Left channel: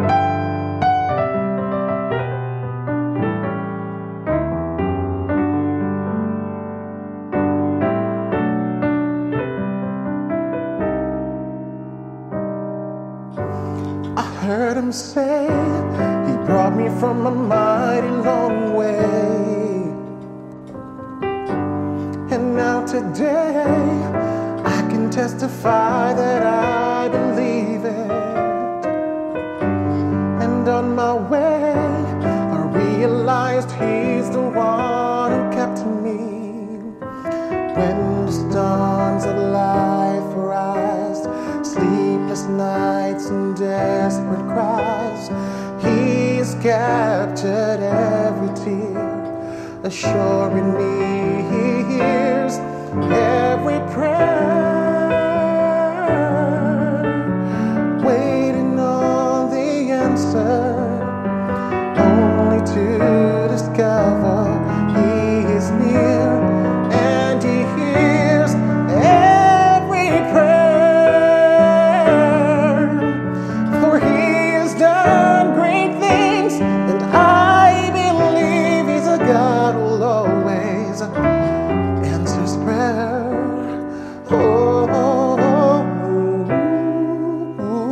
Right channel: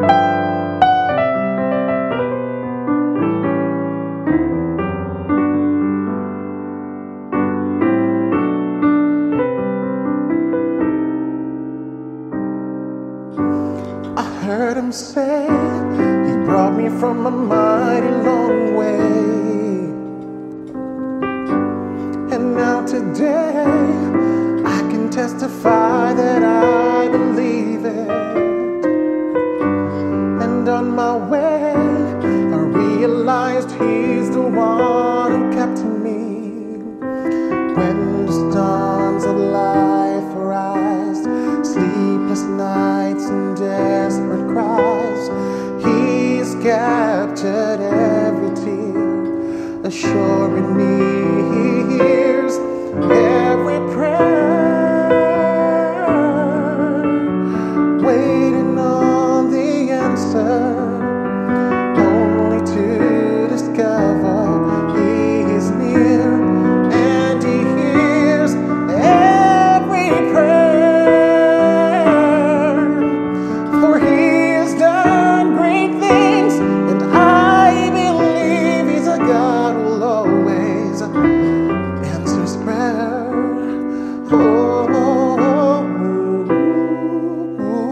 I heard him say he brought me from a mighty long way, and now today I can testify that I believe it. And on my way I realized he's the one who kept me when the storms of life arise, sleepless nights and desperate cries. He's captured every tear, assuring me he hears every prayer, waiting on the answer, only to discover he is near and he hears every prayer. For he has done great things, and I believe he's a God who'll always answers prayer. Oh, oh, oh, oh.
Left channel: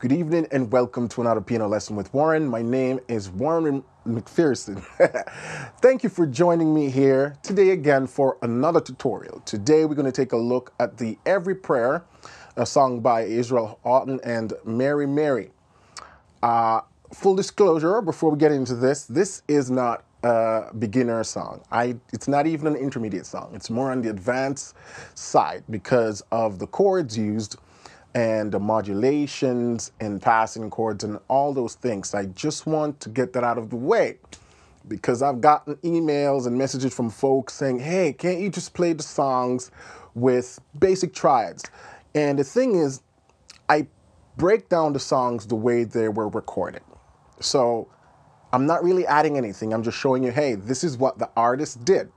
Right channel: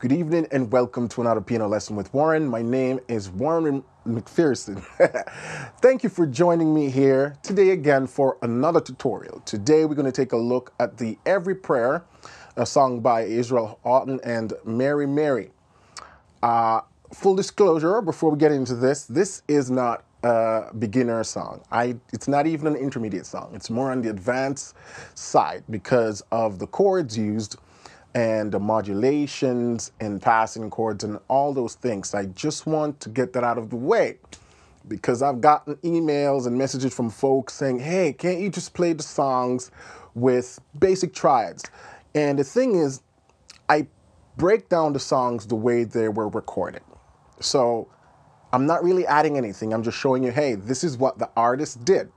Good evening and welcome to another piano lesson with Warren. My name is Warren McPherson. Thank you for joining me here today again for another tutorial. Today we're going to take a look at the Every Prayer, a song by Israel Houghton and Mary Mary. Full disclosure, before we get into this is not a beginner song. It's not even an intermediate song. It's more on the advanced side because of the chords used and the modulations and passing chords and all those things. I just want to get that out of the way because I've gotten emails and messages from folks saying, hey, can't you just play the songs with basic triads? And the thing is, I break down the songs the way they were recorded. So I'm not really adding anything. I'm just showing you, hey, this is what the artist did.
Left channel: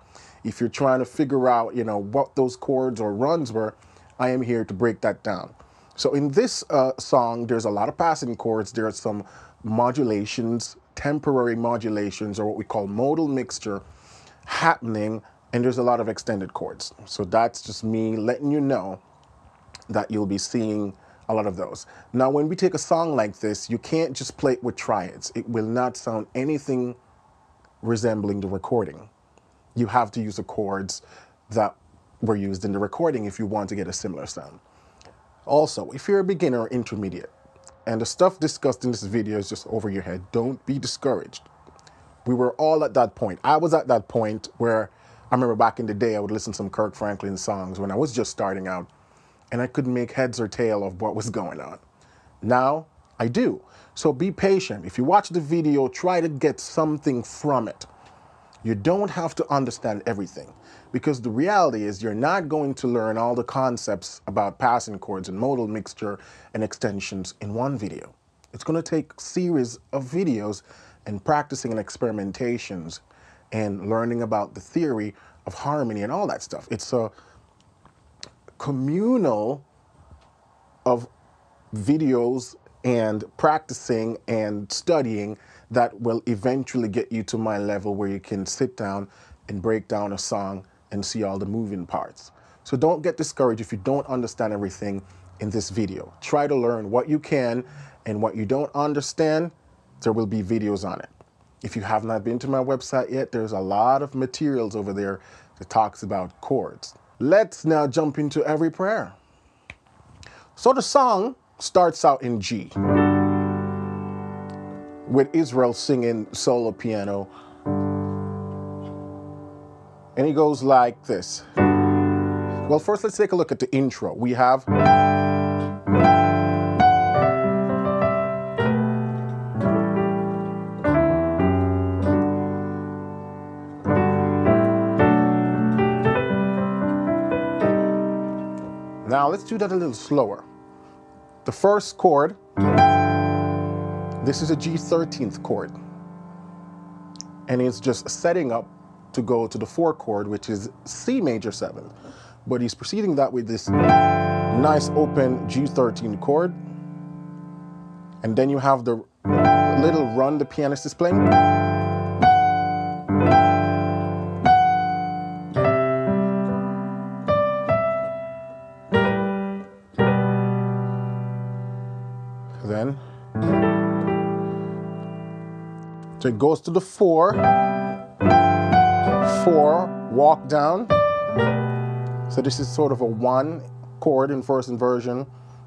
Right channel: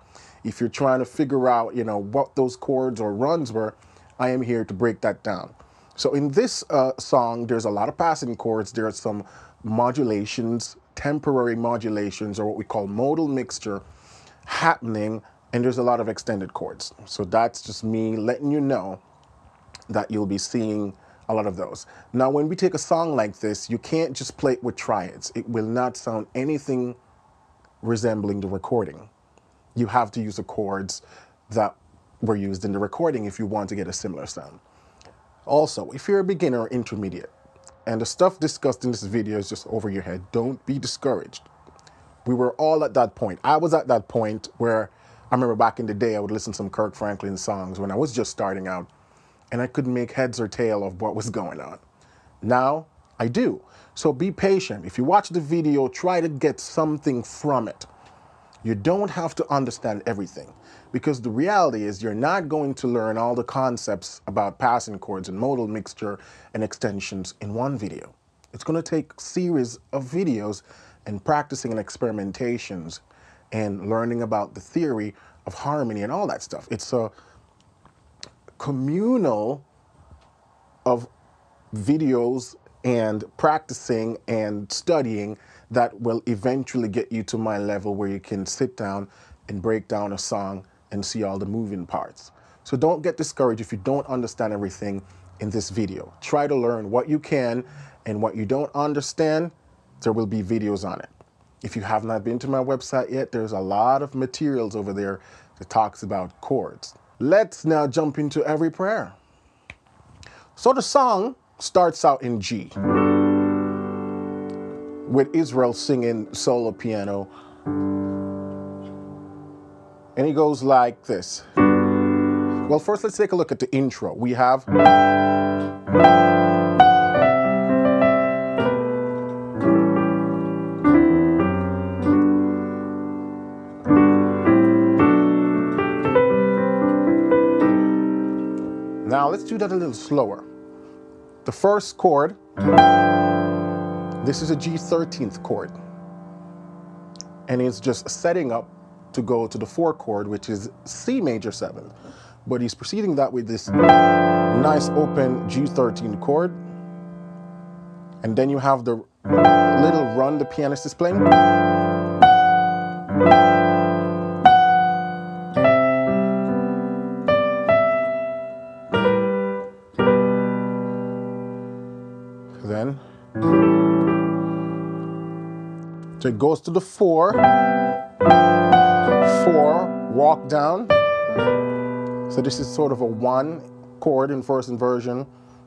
If you're trying to figure out, you know, what those chords or runs were, I am here to break that down. So in this song, there's a lot of passing chords. There are some modulations, temporary modulations, or what we call modal mixture happening, and there's a lot of extended chords. So that's just me letting you know that you'll be seeing a lot of those. Now, when we take a song like this, you can't just play it with triads. It will not sound anything resembling the recording. You have to use the chords that were used in the recording if you want to get a similar sound. Also, if you're a beginner or intermediate, and the stuff discussed in this video is just over your head, don't be discouraged. We were all at that point. I was at that point where I remember back in the day, I would listen to some Kirk Franklin songs when I was just starting out, and I couldn't make heads or tail of what was going on. Now, I do. So be patient. If you watch the video, try to get something from it. You don't have to understand everything, because the reality is you're not going to learn all the concepts about passing chords and modal mixture and extensions in one video. It's going to take a series of videos and practicing and experimentations and learning about the theory of harmony and all that stuff. It's a communal of videos and practicing and studying that will eventually get you to my level where you can sit down and break down a song and see all the moving parts. So don't get discouraged if you don't understand everything in this video. Try to learn what you can, and what you don't understand, there will be videos on it. If you have not been to my website yet, there's a lot of materials over there that talks about chords. Let's now jump into Every Prayer. So the song starts out in G, with Israel singing solo piano. And it goes like this. Well, first let's take a look at the intro. We have now let's do that a little slower. The first chord, this is a G13th chord, and it's just setting up to go to the 4th chord, which is C major 7th. but he's preceding that with this nice open G13 chord. And then you have the little run the pianist is playing. Then, so it goes to the 4, 4, walk down. So this is sort of a 1 chord in first inversion,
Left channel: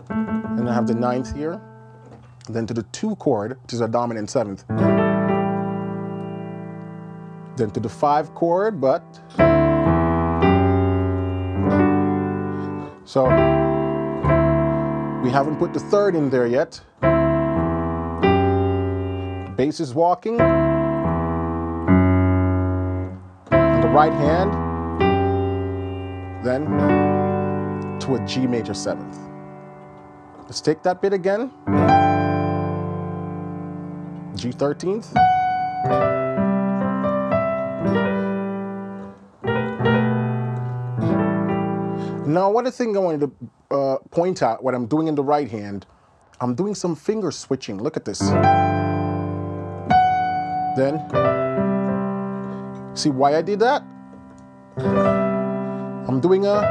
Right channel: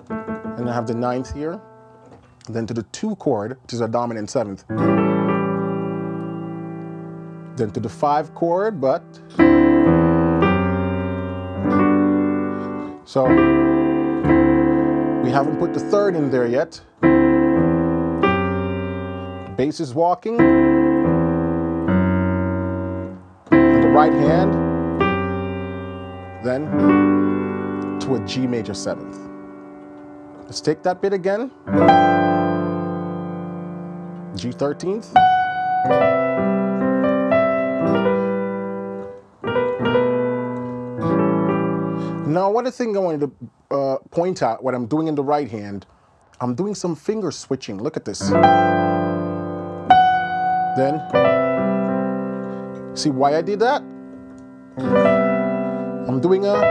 and I have the 9th here. Then to the 2 chord, which is a dominant 7th. Then to the 5 chord, but so we haven't put the 3rd in there yet. The bass is walking on the right hand, then to a G major 7th. Let's take that bit again. G13th. Now, one thing I wanted to point out, what I'm doing in the right hand, I'm doing some finger switching. Look at this. Then, see why I did that? I'm doing a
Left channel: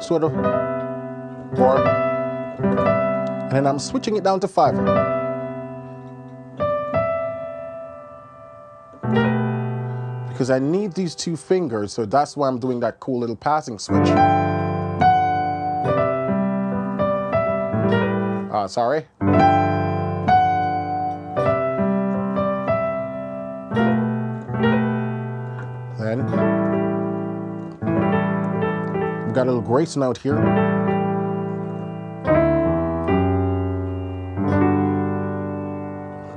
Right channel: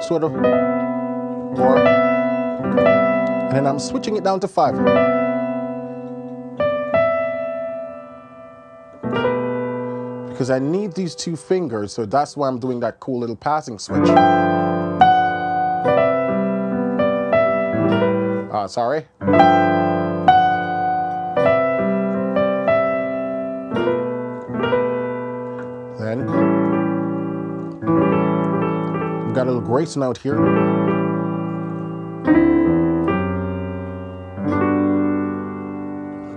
sort of, or, and then I'm switching it down to 5. Because I need these 2 fingers, so that's why I'm doing that cool little passing switch. Sorry. Then, we've got a little grace note here.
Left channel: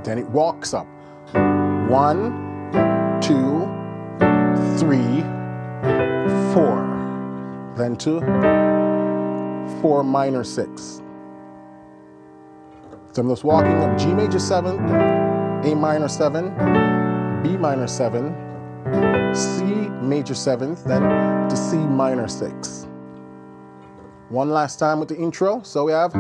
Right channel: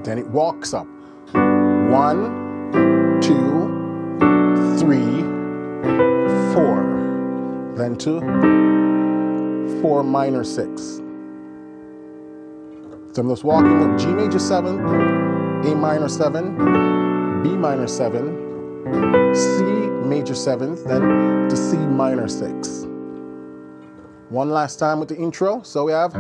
Then it walks up. 1, 2, 3, 4, then to 4 minor 6. So I'm just walking up G major 7, A minor 7, B minor 7, C major 7th, then to C minor 6. One last time with the intro. So we have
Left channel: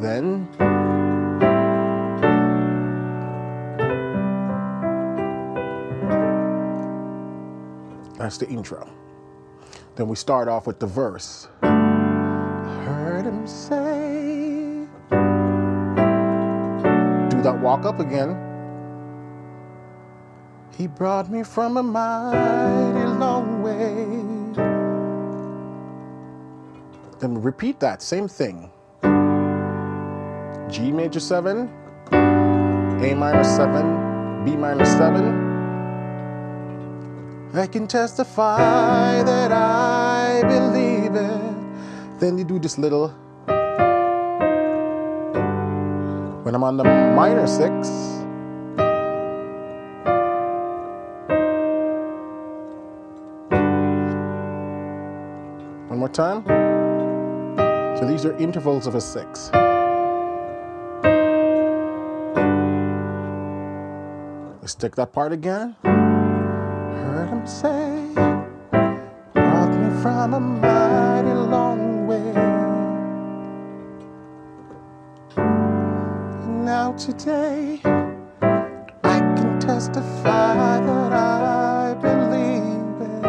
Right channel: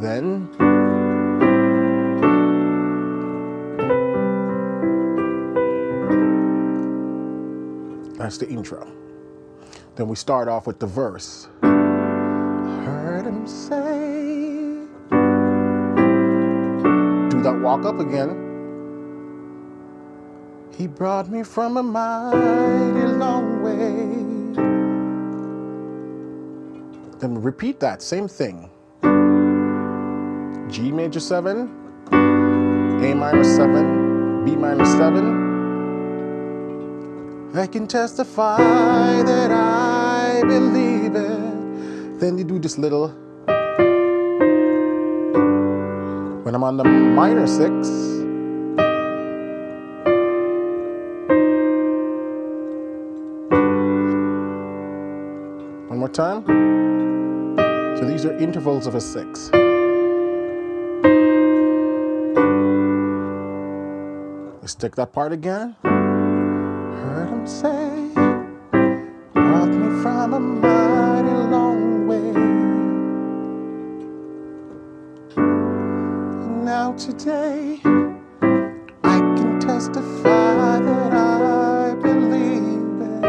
then that's the intro. Then we start off with the verse. I heard him say, do that walk up again. He brought me from a mighty long way. Then repeat that, same thing. G major 7, A minor 7, B minor 7. I can testify that I believe it. Then you do this little, when I'm on the minor 6, one more time. So these are intervals of a 6. Let's take that part again. Heard him say, brought me from a mighty long way. And now today, I can testify that I believe it.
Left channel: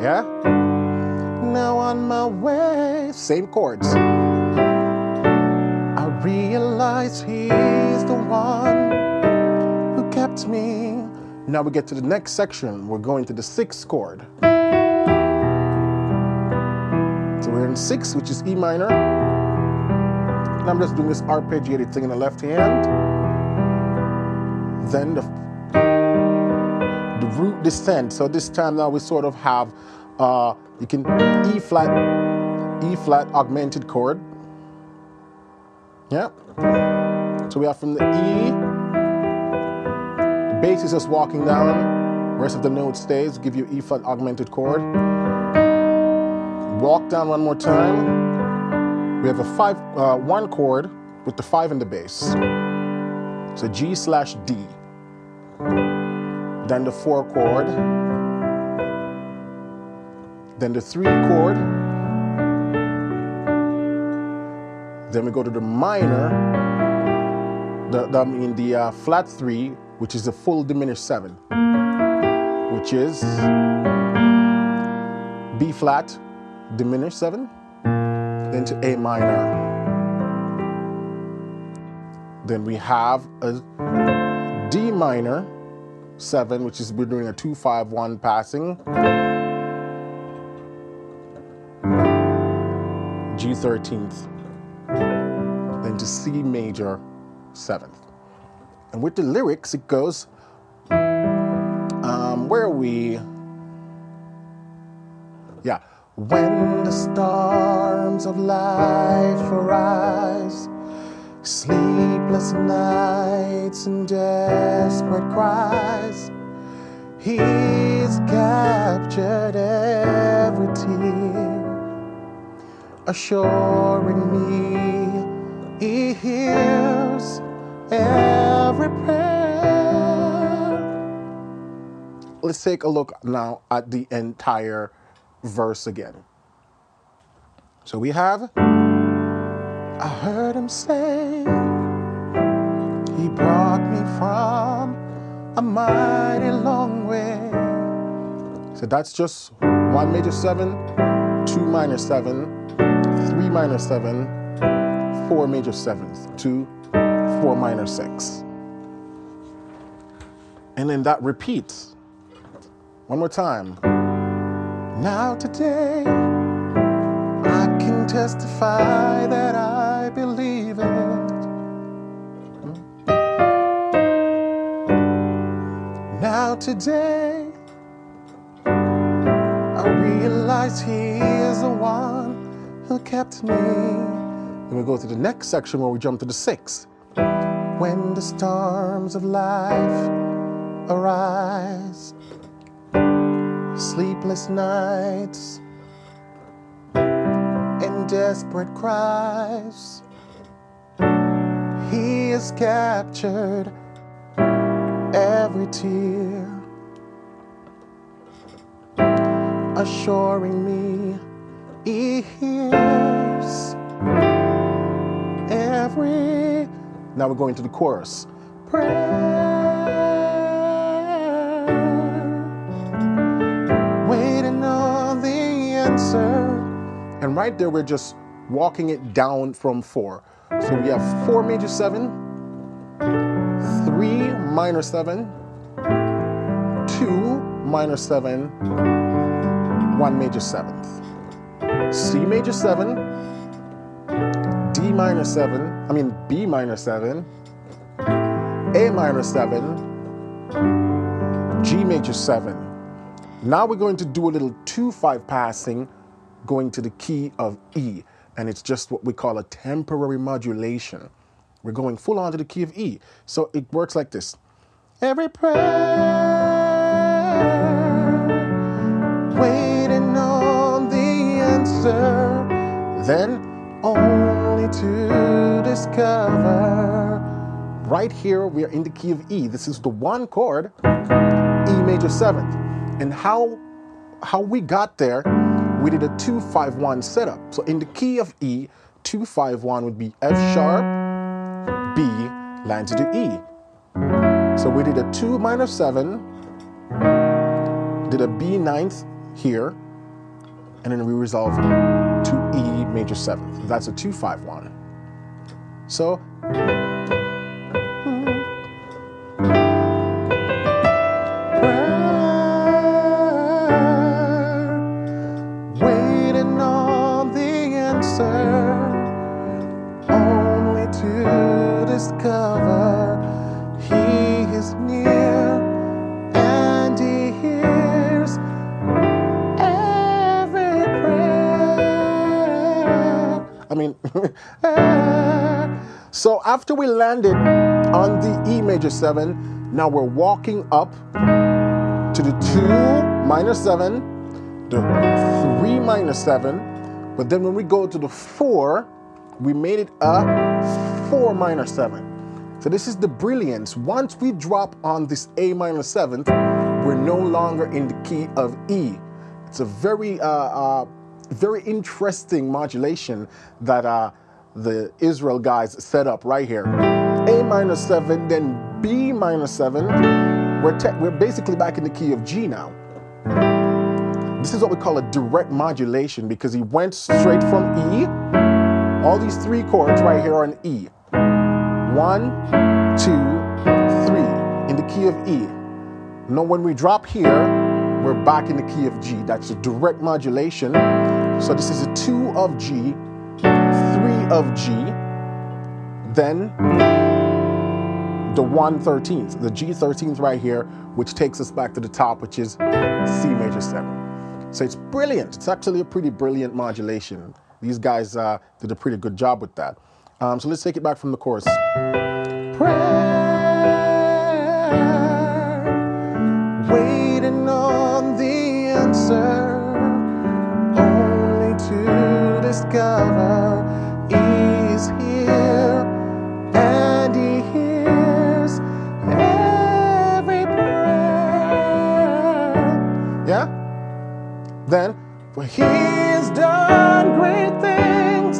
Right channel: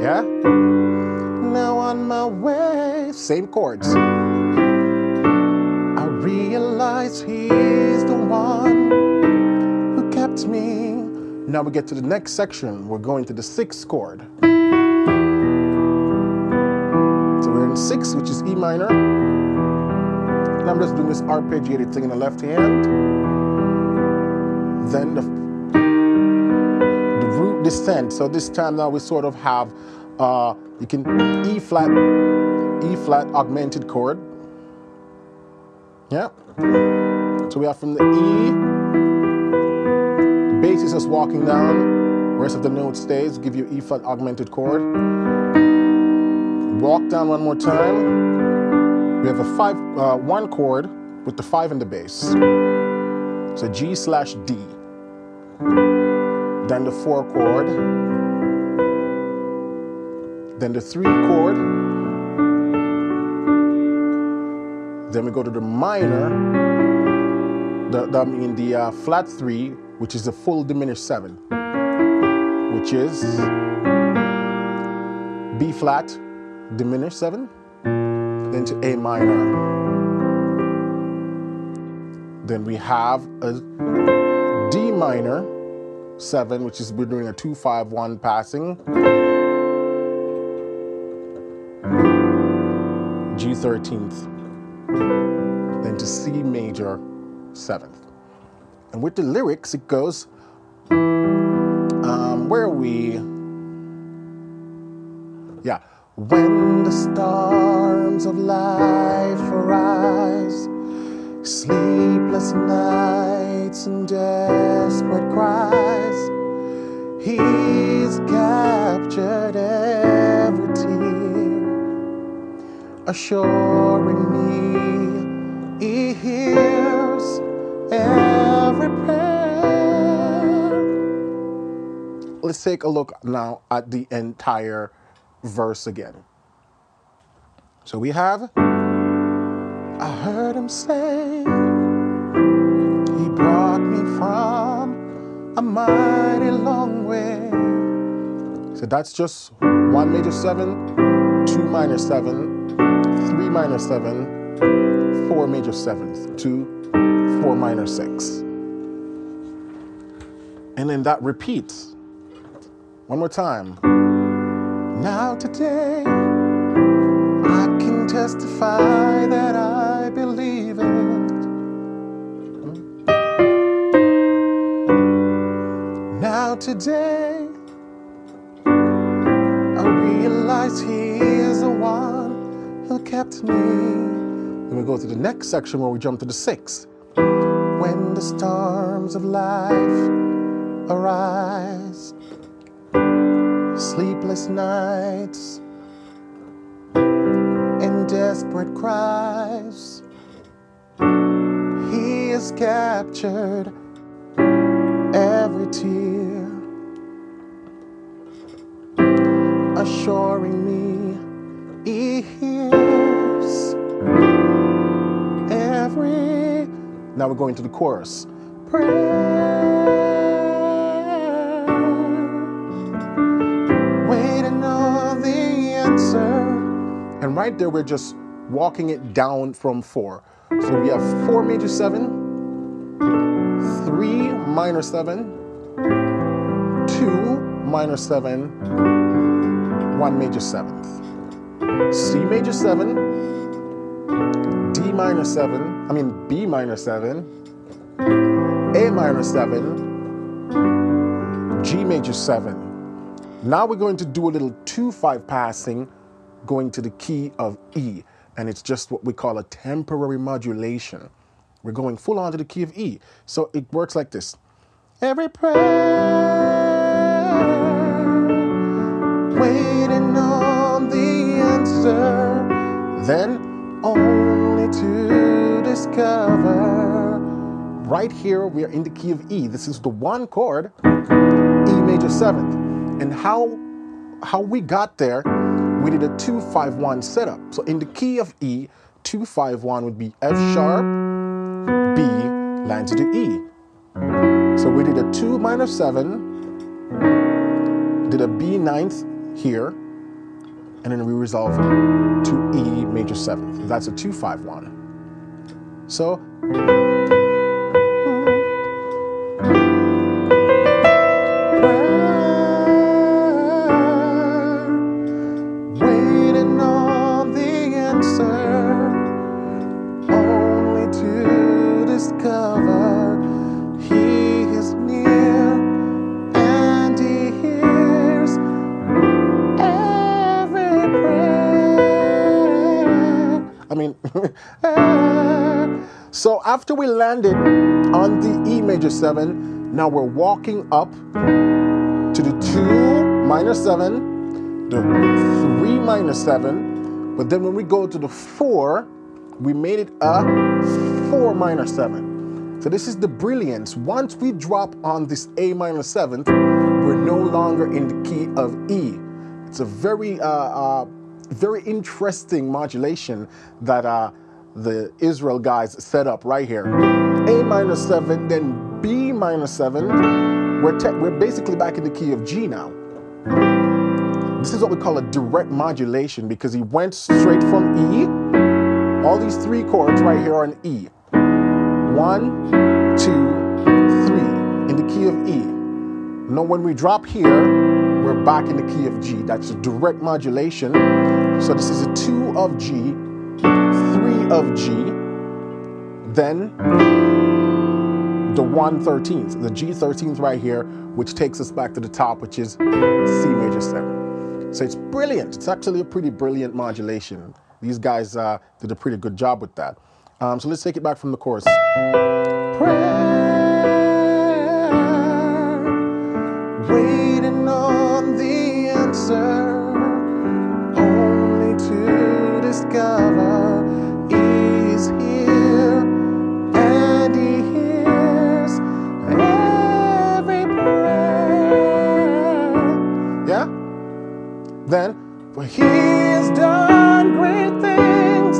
Yeah? Now on my way, same chords. I realize he's the one who kept me. Now we get to the next section. We're going to the 6th chord. So we're in 6, which is E minor. And I'm just doing this arpeggiated thing in the left hand. Then the root descent. So this time now we sort of have, you can E flat augmented chord. Yeah. So we have from the E, bass is just walking down, Rest of the note stays, give you E flat augmented chord. Walk down one more time. We have a 1 chord with the 5 in the bass. So G/D. Then the 4 chord. Then the 3 chord. Then we go to the minor. The flat 3, which is a full diminished 7, which is B flat, diminished 7, then to A minor. Then we have a D minor 7, which is we're doing a 2-5-1 passing. G 13th. Then to C major 7th. And with the lyrics, it goes, where are we? Yeah. When the storms of life arise, sleepless nights and desperate cries, He's captured every tear, assuring me He hears every prayer. Let's take a look now at the entire verse again. So we have, I heard Him say, He brought me from a mighty long way. So that's just 1 major 7, 2 minor 7, 3 minor 7, 4 major 7th, 2, 4 minor 6. And then that repeats. One more time. Now today, I can testify that I believe it. Now today, I realize He is the one who kept me. Then we go to the next section where we jump to the 6th. When the storms of life arise, sleepless nights and desperate cries, He has captured every tear, assuring me He hears every. Now we're going to the chorus. Waiting on the answer. And right there, we're just walking it down from 4. So we have 4 major 7, 3 minor 7, 2 minor 7, 1 major 7th. C major 7, D minor 7, B minor 7, A minor 7, G major 7. Now we're going to do a little 2-5 passing going to the key of E, and it's just what we call a temporary modulation. We're going full on to the key of E. So it works like this. Every prayer, waiting on the answer, then only to discover. Right here, we are in the key of E. This is the 1 chord, E major 7th. And how we got there, we did a 2-5-1 setup. So in the key of E, 2-5-1 would be F sharp, B, lands to E. So we did a 2 minor 7, did a B 9th here, and then we resolve to E major 7th. That's a 2-5-1. So waiting on the answer, only to discover He is near and He hears every prayer. So after we landed on the E major 7, now we're walking up to the 2 minor 7, the 3 minor 7, but then when we go to the 4, we made it a 4 minor 7. So this is the brilliance. Once we drop on this A minor 7th, we're no longer in the key of E. It's a very, very interesting modulation that the Israel guys set up right here. A minor 7, then B minor 7. We're basically back in the key of G now. This is what we call a direct modulation because he went straight from E. All these 3 chords right here are in E. 1, 2, 3 in the key of E. Now when we drop here, we're back in the key of G. That's a direct modulation. So this is a 2 of G, 3 of G, then the 1/13th, the G13th right here, which takes us back to the top, which is C major 7. So it's brilliant. It's actually a pretty brilliant modulation. These guys did a pretty good job with that. So let's take it back from the chorus. Prayer, waiting on the answer, only to discover He's here and He hears every prayer. Yeah? Then, for He has done great things.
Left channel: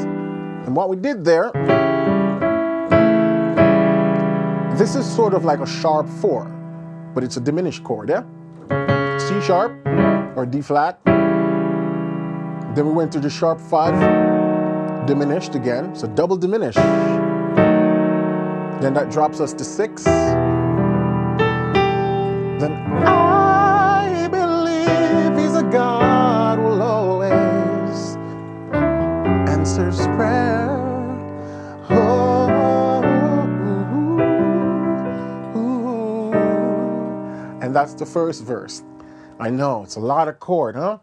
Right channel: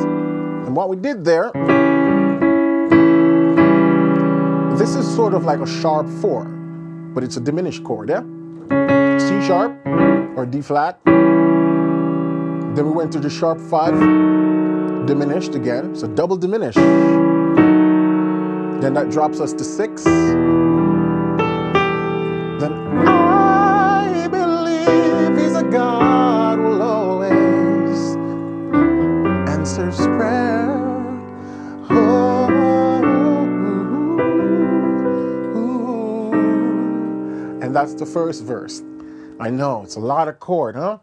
And what we did there, this is sort of like a sharp 4, but it's a diminished chord, yeah? C sharp or D flat. Then we went to the sharp 5, diminished again, so double diminished. Then that drops us to 6. Then I believe He's a God who will always answers prayer. Oh, and that's the first verse. I know, it's a lot of chord, huh?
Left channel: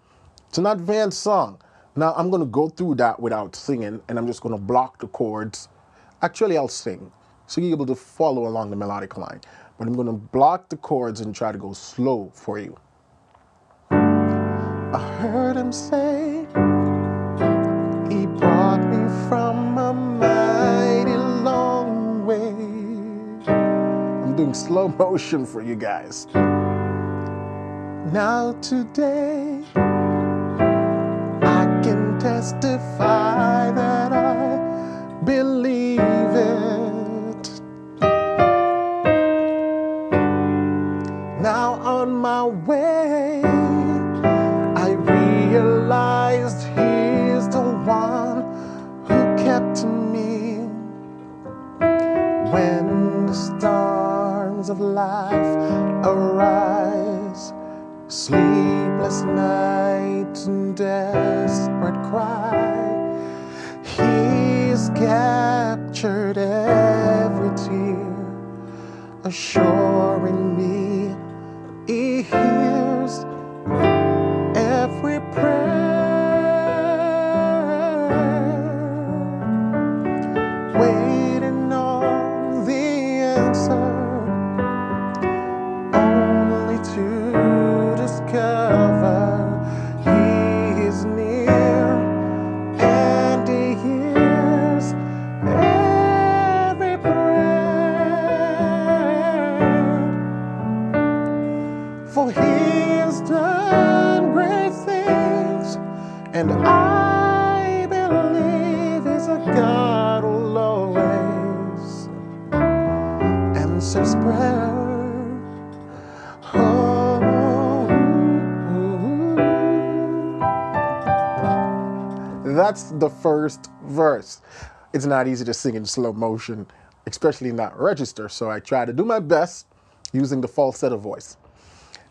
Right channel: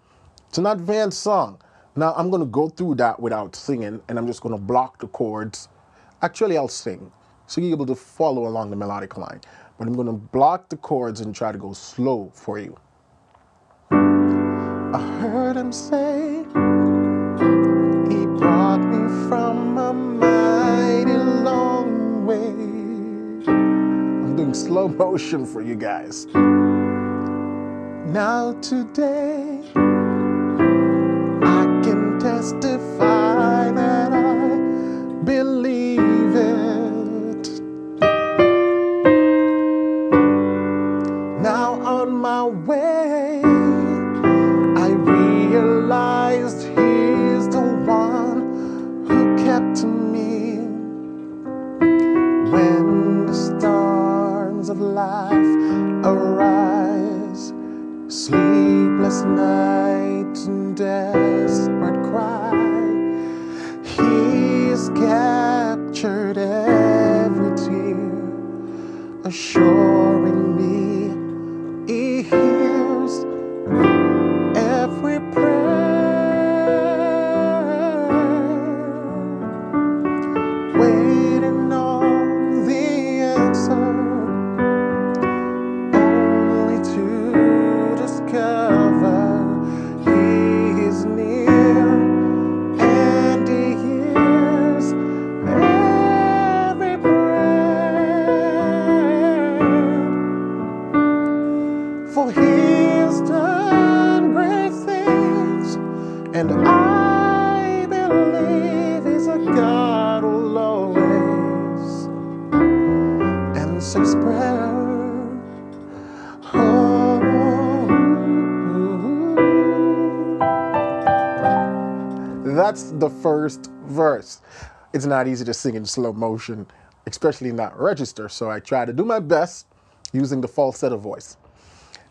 It's an advanced song. Now I'm going to go through that without singing, and I'm just going to block the chords. Actually, I'll sing, so you're able to follow along the melodic line. But I'm going to block the chords and try to go slow for you. I heard Him say, He brought me from a mighty long way. I'm doing slow motion for you guys. Now today, I can testify that I believe it. Now on my way, I realized He's the one who kept me when the storms of life arise. Sleepless nights and desperate cry, He's captured every tear, assuring me He hears every prayer, waiting on the answer, only to discover He is near and He hears every prayer. For He has done great things, and I believe He's a God who'll always answers prayer. That's the first verse. It's not easy to sing in slow motion, especially in that register, so I try to do my best using the falsetto voice.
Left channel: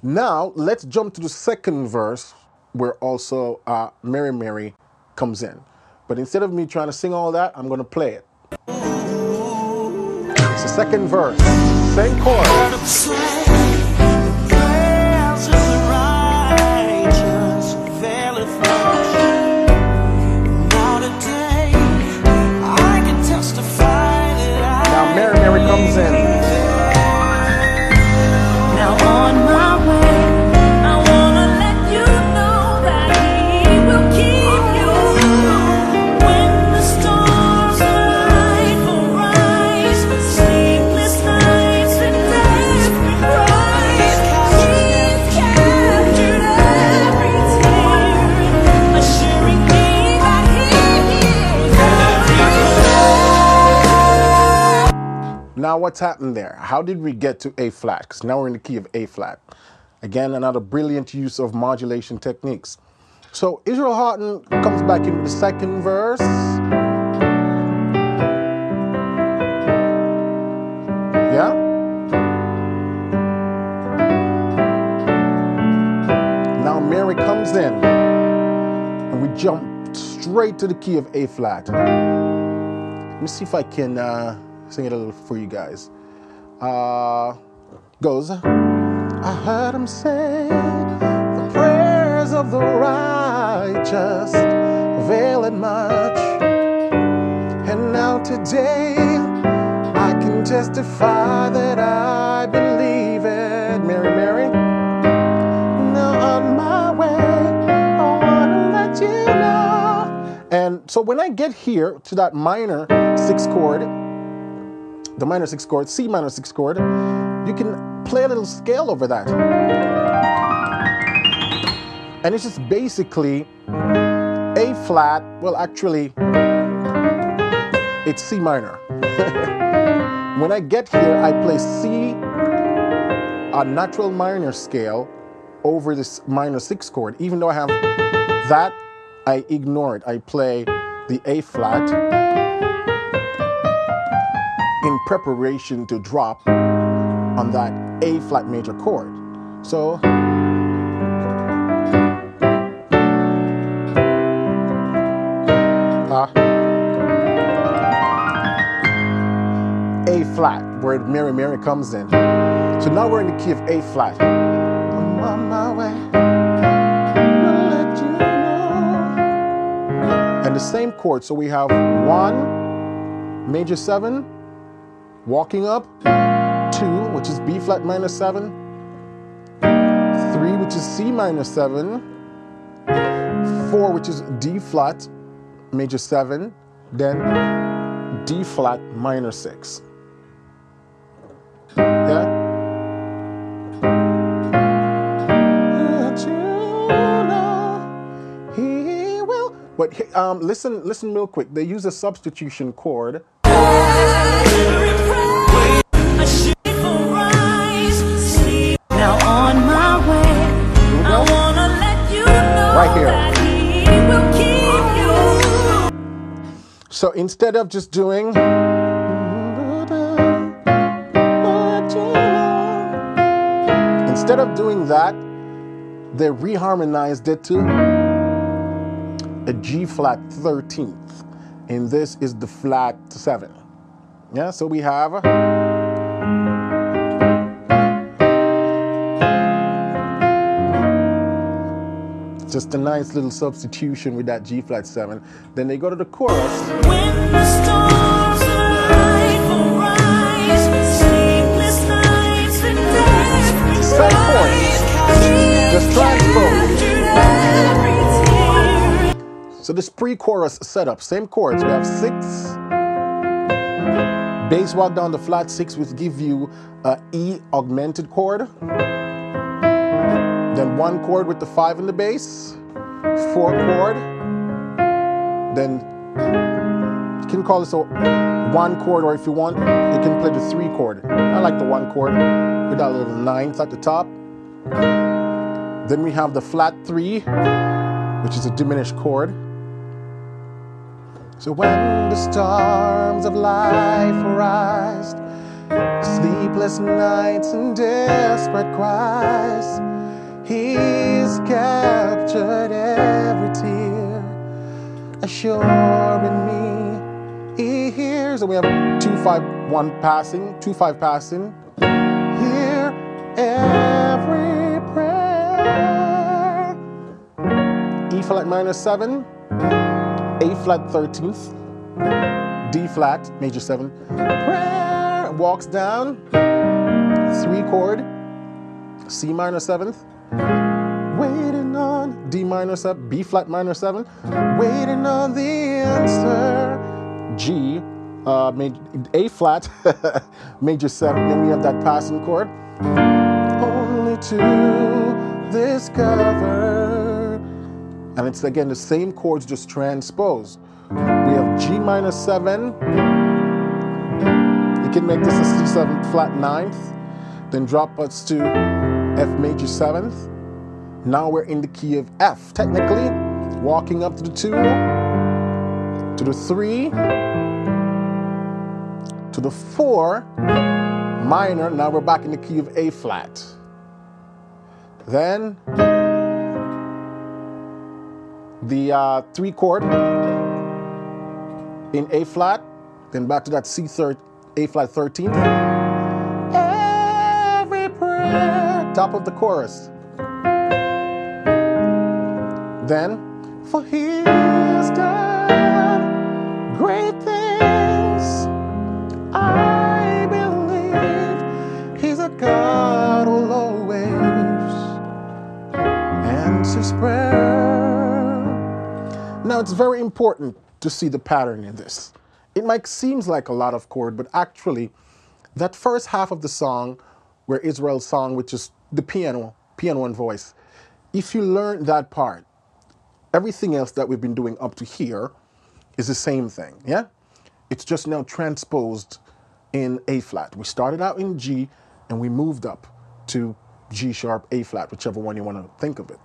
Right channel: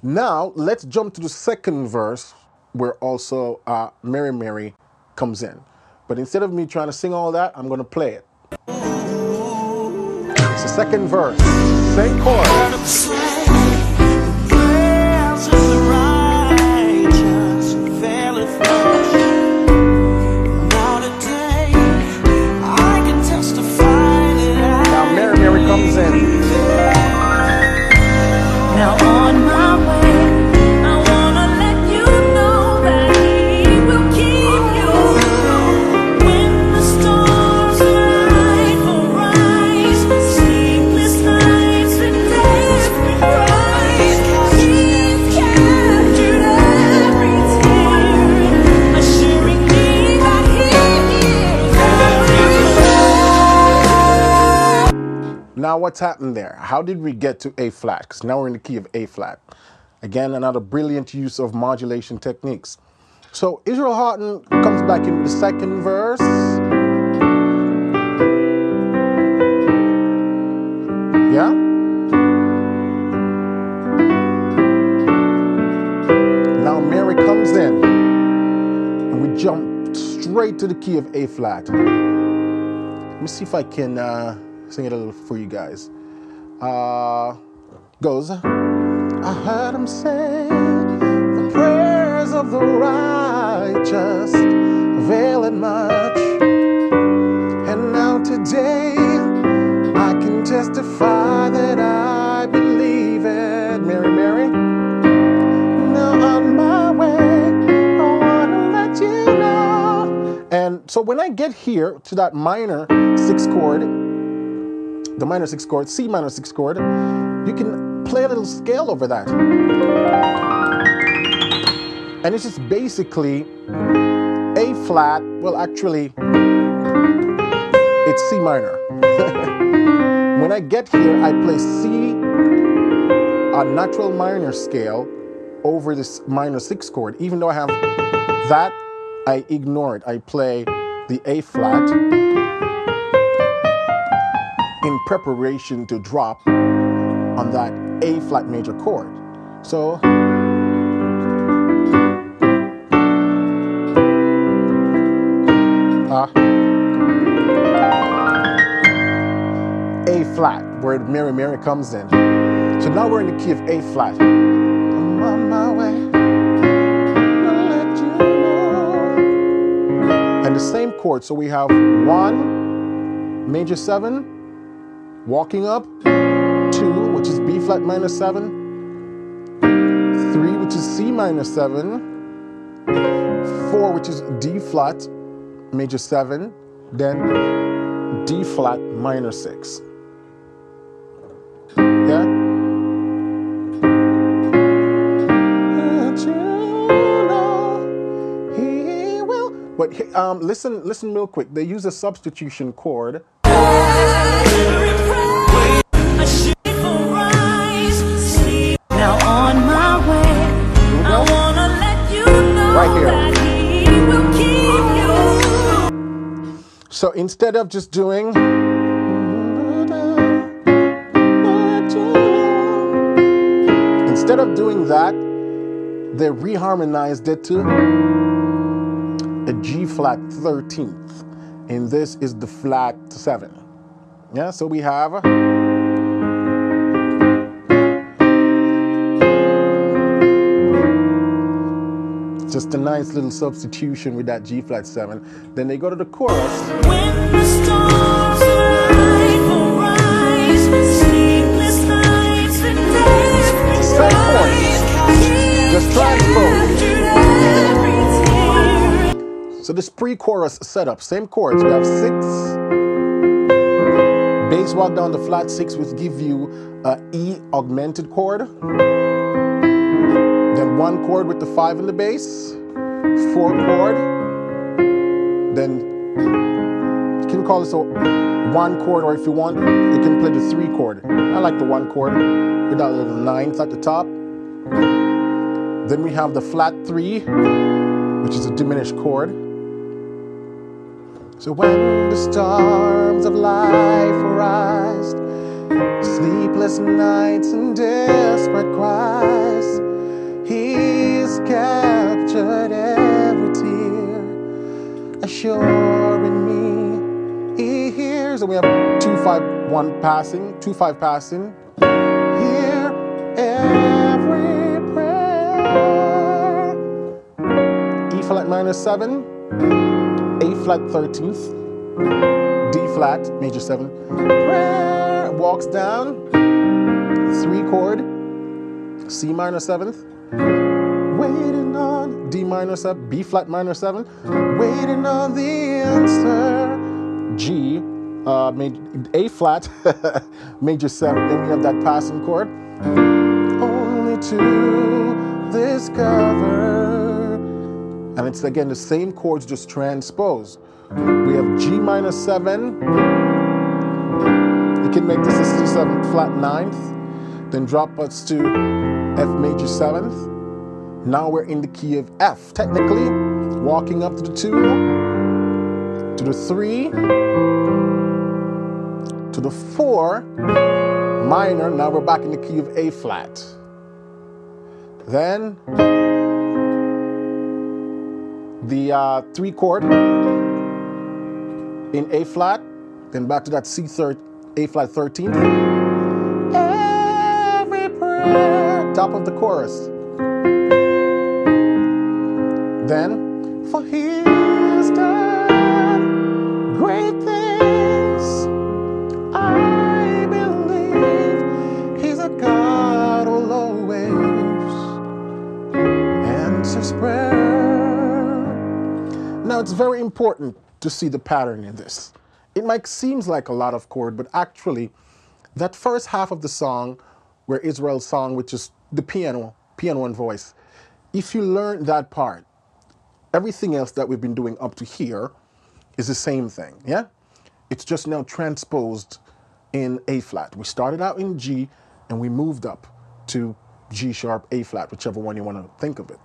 Now, let's jump to the second verse, where also Mary Mary comes in. But instead of me trying to sing all that, I'm going to play it. It's the second verse, same chord. Mary Mary comes in. Now on my way, now what's happened there? How did we get to A flat? Because now we're in the key of A flat. Again, another brilliant use of modulation techniques. So Israel Houghton comes back in with the second verse. Yeah? Now Mary comes in, and we jump straight to the key of A flat. Let me see if I can sing it a little for you guys. Goes, I heard him say, the prayers of the righteous avail it much. And now today, I can testify that I believe it. Mary, Mary. Now on my way, I want to let you know. And so when I get here to that minor 6 chord, the minor 6 chord, C minor 6 chord, you can play a little scale over that. And it's just basically A flat, well actually, it's C minor. When I get here, I play C, a natural minor scale, over this minor 6 chord. Even though I have that, I ignore it. I play the A flat in preparation to drop on that A flat major chord. So A flat, where Mary Mary comes in. So now we're in the key of A flat. I'm on my way to let you know. And the same chord, so we have 1, major 7, walking up, 2, which is B flat minor 7, 3, which is C minor 7, 4, which is D flat major 7, then D flat minor 6. Yeah? But listen real quick. They use a substitution chord. Now on my way, I wanna let you know right here. That he will keep you. So instead of just doing, that, they reharmonized it to a G flat 13th, and this is the flat 7. Yeah, so we have just a nice little substitution with that G flat 7. Then they go to the chorus. When the stars will rise, sleepless nights and days. Same chords, just transpose. So this pre-chorus setup, same chords. We have 6, bass walk down the flat 6, which give you a E augmented chord. Then 1 chord with the 5 in the bass, 4 chord. Then you can call this a 1 chord, or if you want, you can play the 3 chord. I like the 1 chord with that little 9th at the top. Then we have the flat 3, which is a diminished chord. So when the storms of life arise, sleepless nights and desperate cries, He's captured every tear, assuring me He hears. And we have 2-5-1 passing, 2-5 passing. Hear every prayer. E flat minor 7. A flat 13th, D flat major 7, prayer, walks down, 3 chord, C minor 7th, waiting on D minor 7, B flat minor 7, waiting on the answer, G, A flat major 7. Then we have that passing chord, only to discover. And it's again the same chords, just transposed. We have G minor 7. You can make this a C7 flat ninth, then drop us to F major seventh. Now we're in the key of F. Technically, walking up to the 2, to the 3, to the 4, minor. Now we're back in the key of A flat. Then the 3 chord in A flat, then back to that A flat 13th. Every prayer, top of the chorus. Then, for he has done great things, I believe he's a God who'll always answers prayer. Now, it's very important to see the pattern in this. It might seem like a lot of chord, but actually, that first half of the song, where Israel's song, which is the piano and voice, if you learn that part, everything else that we've been doing up to here is the same thing, yeah? It's just now transposed in A flat. We started out in G, and we moved up to G sharp, A flat, whichever one you want to think of it.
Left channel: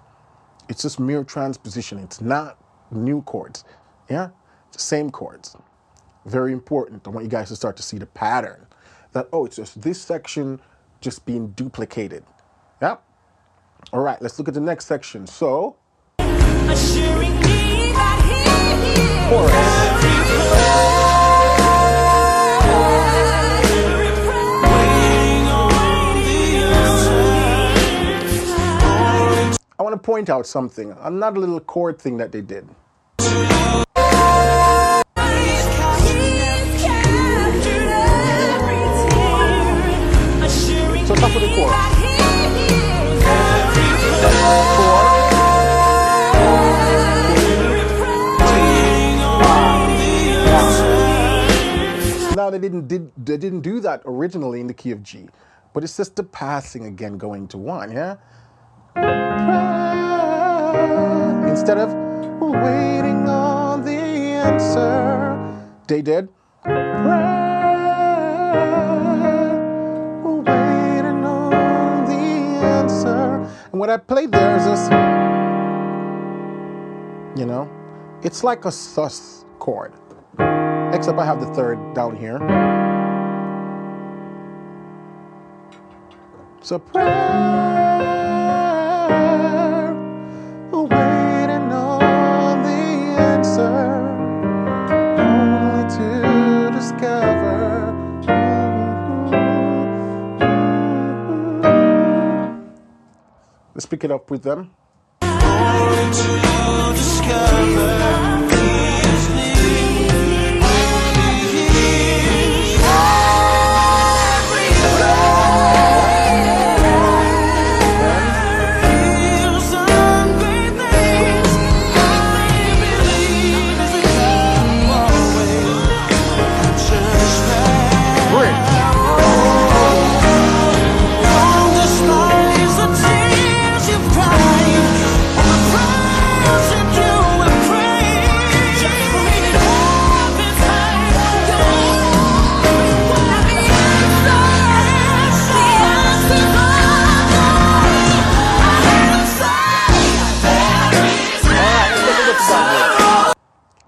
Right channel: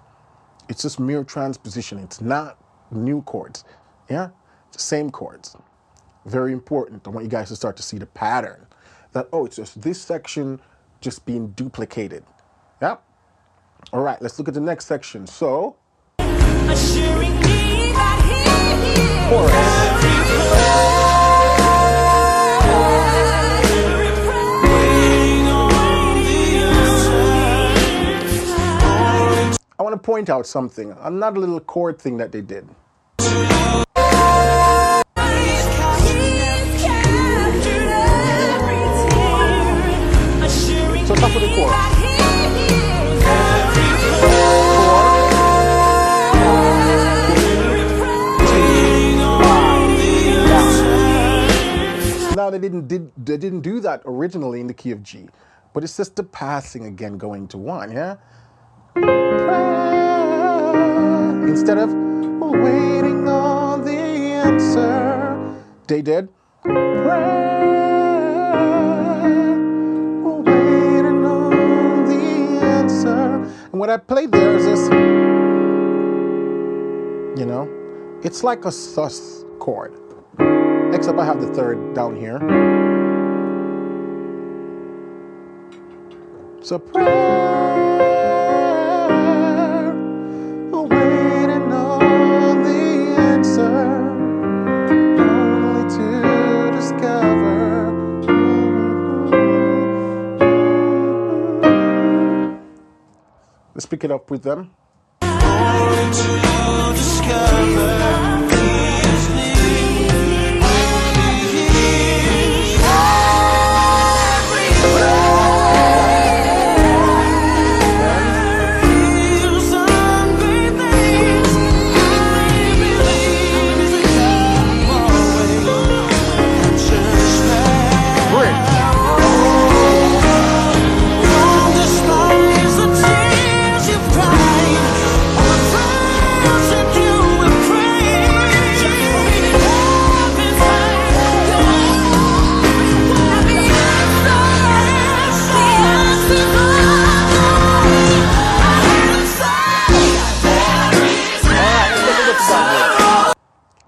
It's just mere transposition. It's not new chords, yeah? It's the same chords. Very important. I want you guys to start to see the pattern. That, oh, it's just this section just being duplicated, yeah? All right, let's look at the next section. So, Assuring me that he chorus. I want to point out something, another little chord thing that they did. So top of the chorus. 4, 3, 2, 1. Now they didn't do that originally in the key of G, but it's just the passing again going to 1, yeah? Instead of waiting on the answer, they did waiting on the answer. And what I played there is this, you know, it's like a sus chord, except I have the 3rd down here. So waiting on the answer, only to discover. Let's pick it up with them. Only to discover.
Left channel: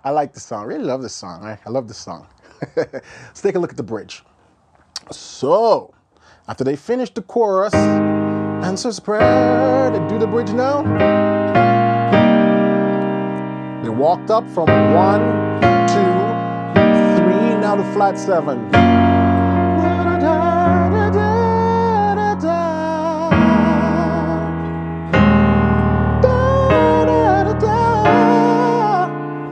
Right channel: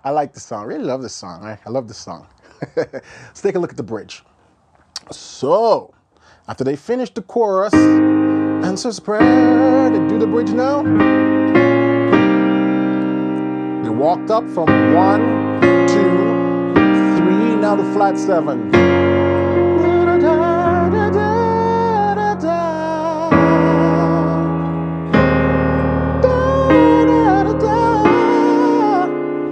I like the song. I really love this song. I love this song. Let's take a look at the bridge. So, after they finish the chorus, answers prayer, they do the bridge now. They walked up from 1, 2, 3, now to flat 7.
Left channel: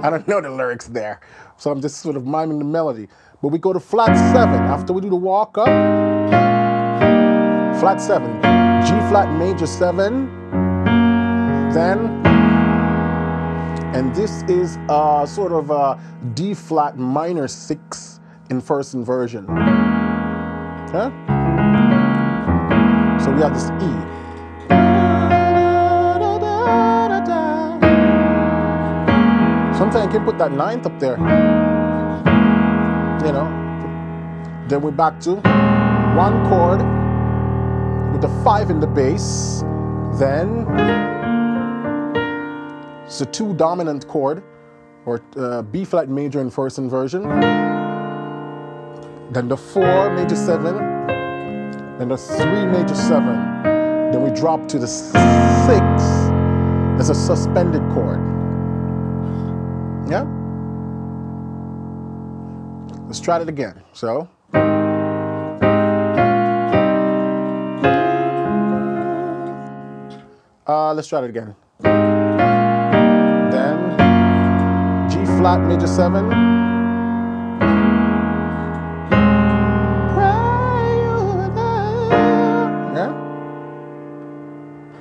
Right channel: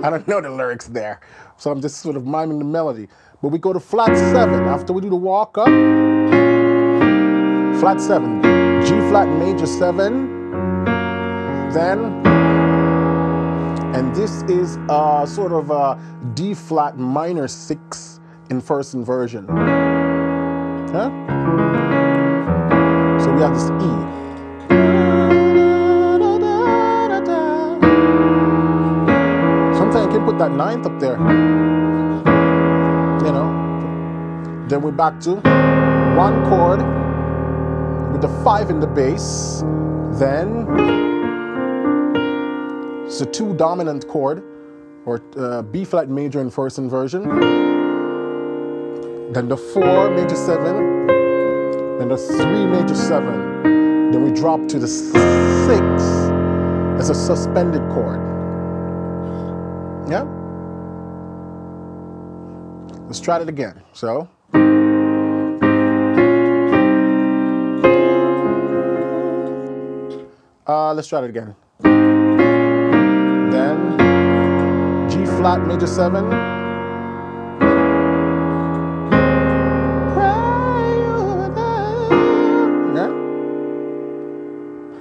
I don't know the lyrics there, so I'm just sort of miming the melody. But we go to flat 7 after we do the walk up. Flat 7, G flat major 7, then, and this is sort of a D flat minor 6 in first inversion. Huh? So we have this E. Sometimes you can put that 9th up there, you know, Then we're back to one chord with the 5 in the bass. Then it's a 2 dominant chord, or B flat major in first inversion. Then the 4 major 7. Then the 3 major 7. Then we drop to the 6 as a suspended chord. Yeah? Let's try it again. So. Let's try it again. Then G flat major 7. Yeah.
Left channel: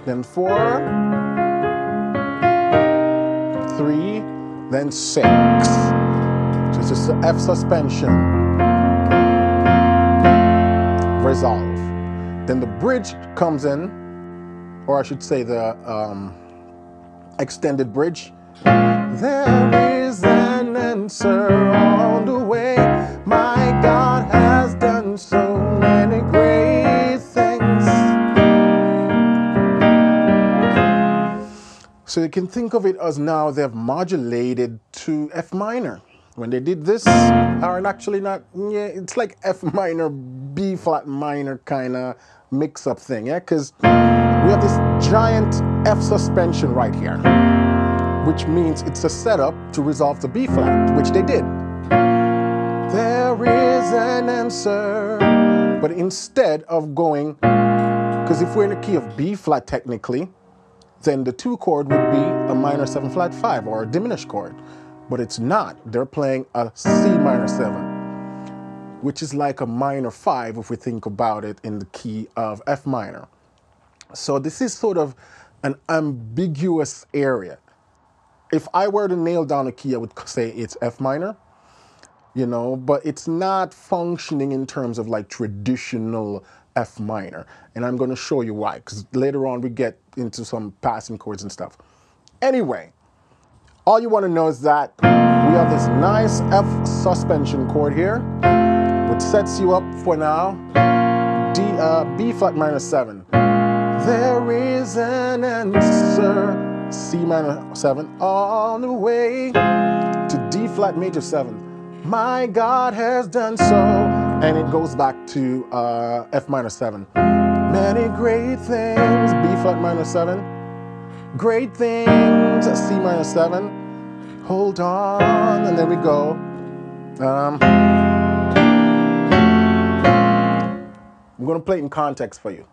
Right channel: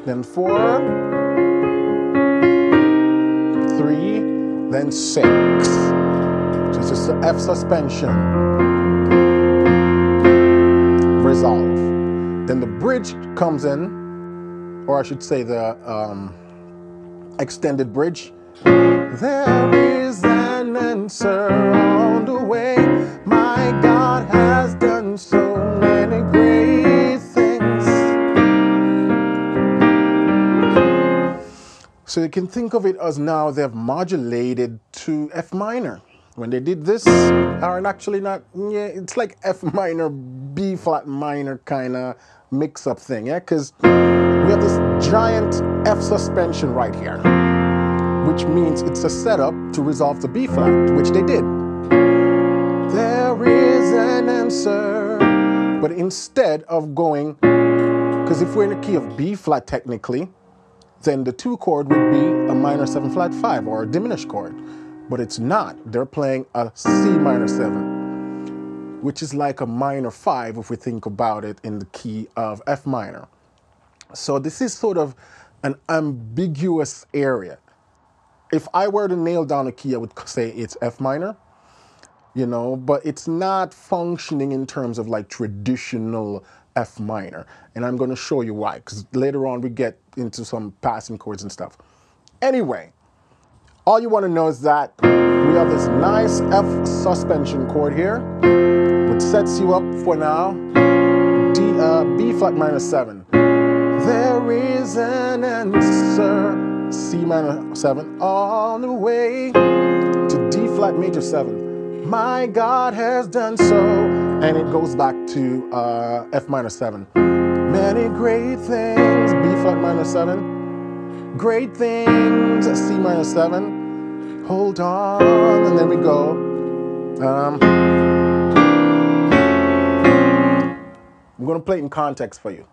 Then 4, 3, then 6. So it's just an F suspension. Resolve. Then the bridge comes in, or I should say the extended bridge. There is an answer on the way. My God has done so many great things. So you can think of it as now they've modulated to F minor. When they did this, or actually not, yeah, it's like F minor, B flat minor kind of mix-up thing, yeah? Because we have this giant F suspension right here, which means it's a setup to resolve to B flat, which they did. There is an answer. But instead of going, because if we're in the key of B flat technically, then the 2 chord would be a minor 7 flat 5 or a diminished chord. But it's not. They're playing a C minor 7, which is like a minor 5 if we think about it in the key of F minor. So this is sort of an ambiguous area. If I were to nail down a key, I would say it's F minor, you know, but it's not functioning in terms of like traditional F minor. And I'm going to show you why, because later on we get into some passing chords and stuff. Anyway, all you want to know is that we have this nice F suspension chord here, which sets you up for now B flat minor 7. There is an answer, C minor 7, on the way to D flat major 7. My God has done so, and it goes back to F minor 7. Many great things, B flat minor 7. Great things, C minor 7. Hold on, and then we go. I'm going to play it in context for you.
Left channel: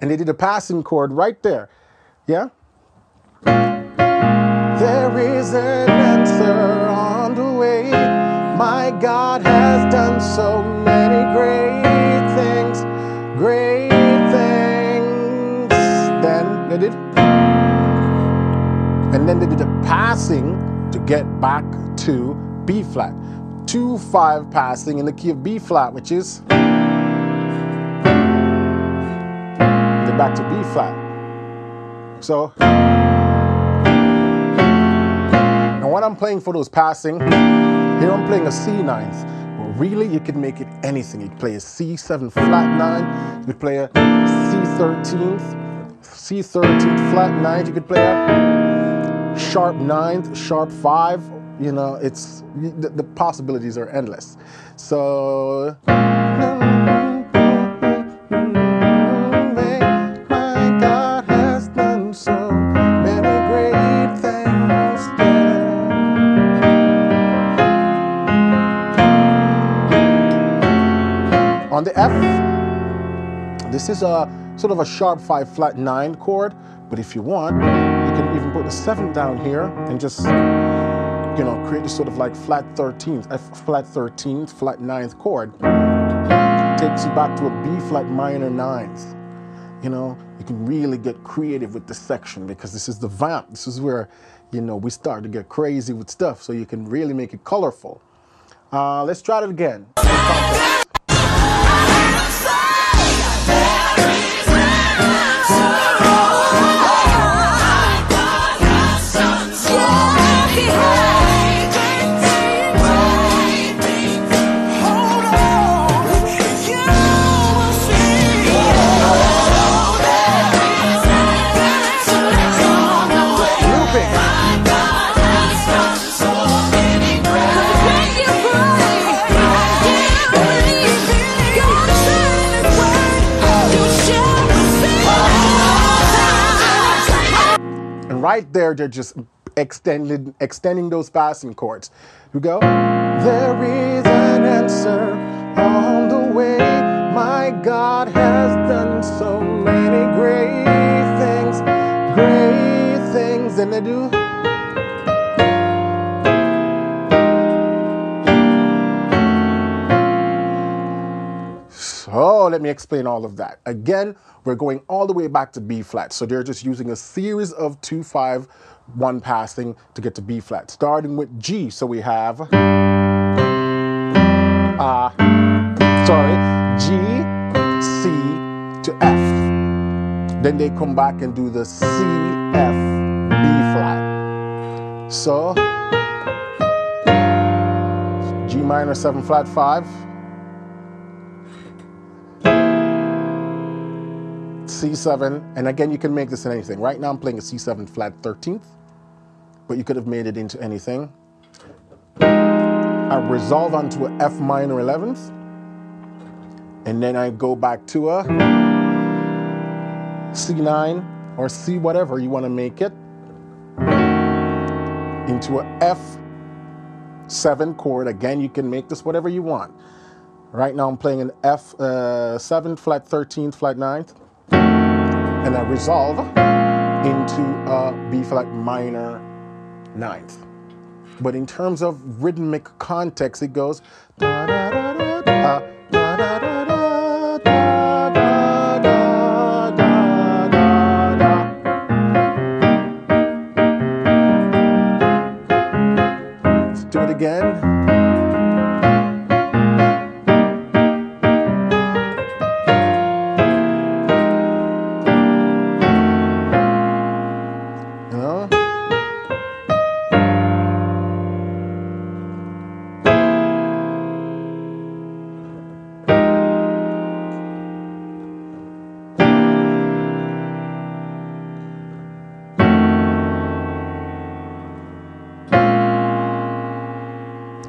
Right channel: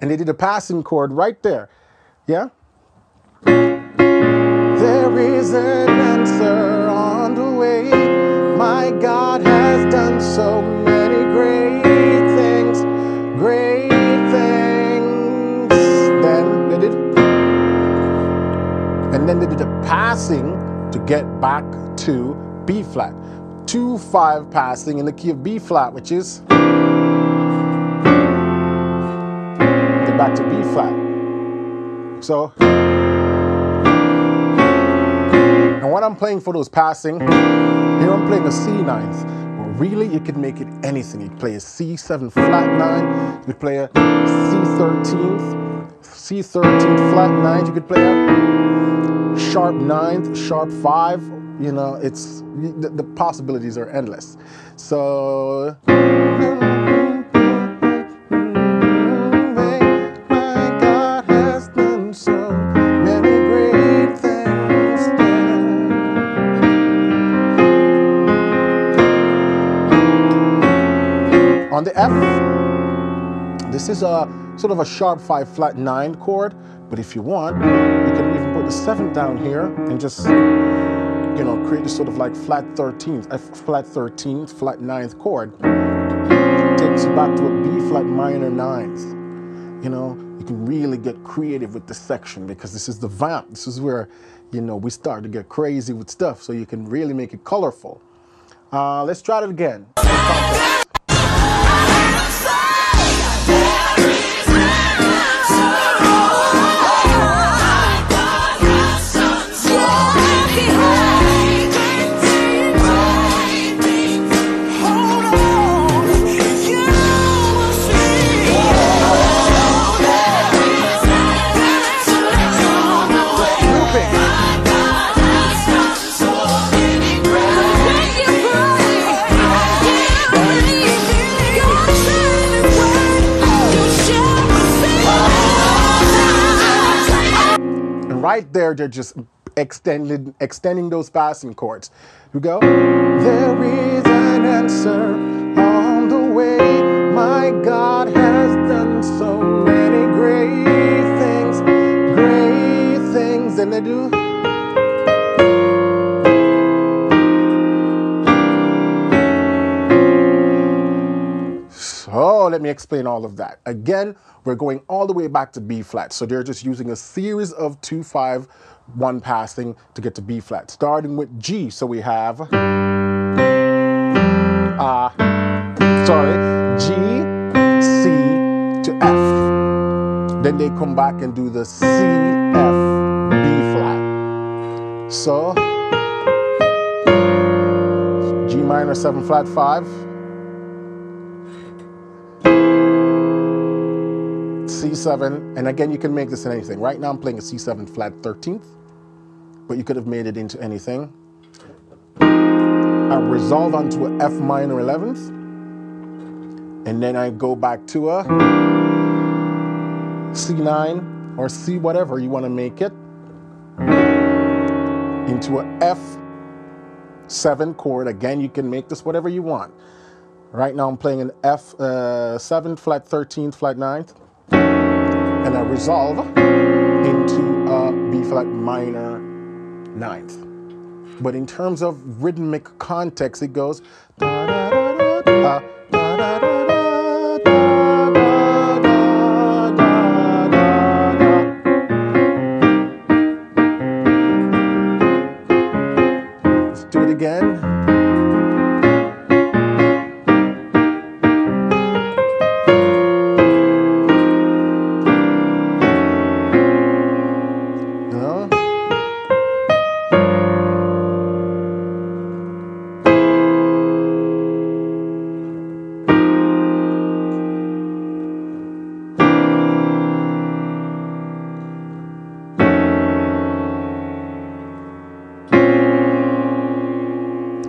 And they did a passing chord right there. Yeah? There is an answer on the way. My God has done so many great things. Great things. Then they did. And then they did a passing to get back to B flat. 2-5 passing in the key of B flat, which is back to B flat. So, and when I'm playing for those passing, here I'm playing a C ninth. Well, really, you could make it anything. You could play a C7 flat 9. You could play a C13 flat 9. You could play a sharp 9th, sharp 5. You know, it's the possibilities are endless. So. On the F, this is a sort of a sharp 5 flat 9 chord, but if you want, you can even put the 7th down here and just, you know, create this sort of like flat 13th, F flat 13th, flat 9th chord. Takes you back to a B flat minor 9th. You know, you can really get creative with the section, because this is the vamp. This is where, you know, we start to get crazy with stuff, so you can really make it colorful. Let's try it again. Right there, they're just extending those passing chords. We go. There is an answer on the way. My God has done so many great things, and they do. So let me explain all of that. Again, we're going all the way back to B flat. So they're just using a series of 2, 5, 1 passing to get to B flat, starting with G. So we have, G, C to F. Then they come back and do the C, F, B flat. So G minor 7 flat 5. C7, and again, you can make this in anything. Right now I'm playing a C7 flat 13th, but you could have made it into anything. I resolve onto a F minor 11th, and then I go back to a C9 or C whatever you want to make it, into a F7 chord. Again, you can make this whatever you want. Right now I'm playing an F7 flat 13th flat 9th, and I resolve into a B flat minor 9th. But in terms of rhythmic context, it goes da da da da da da da da da da da da. Let's do it again.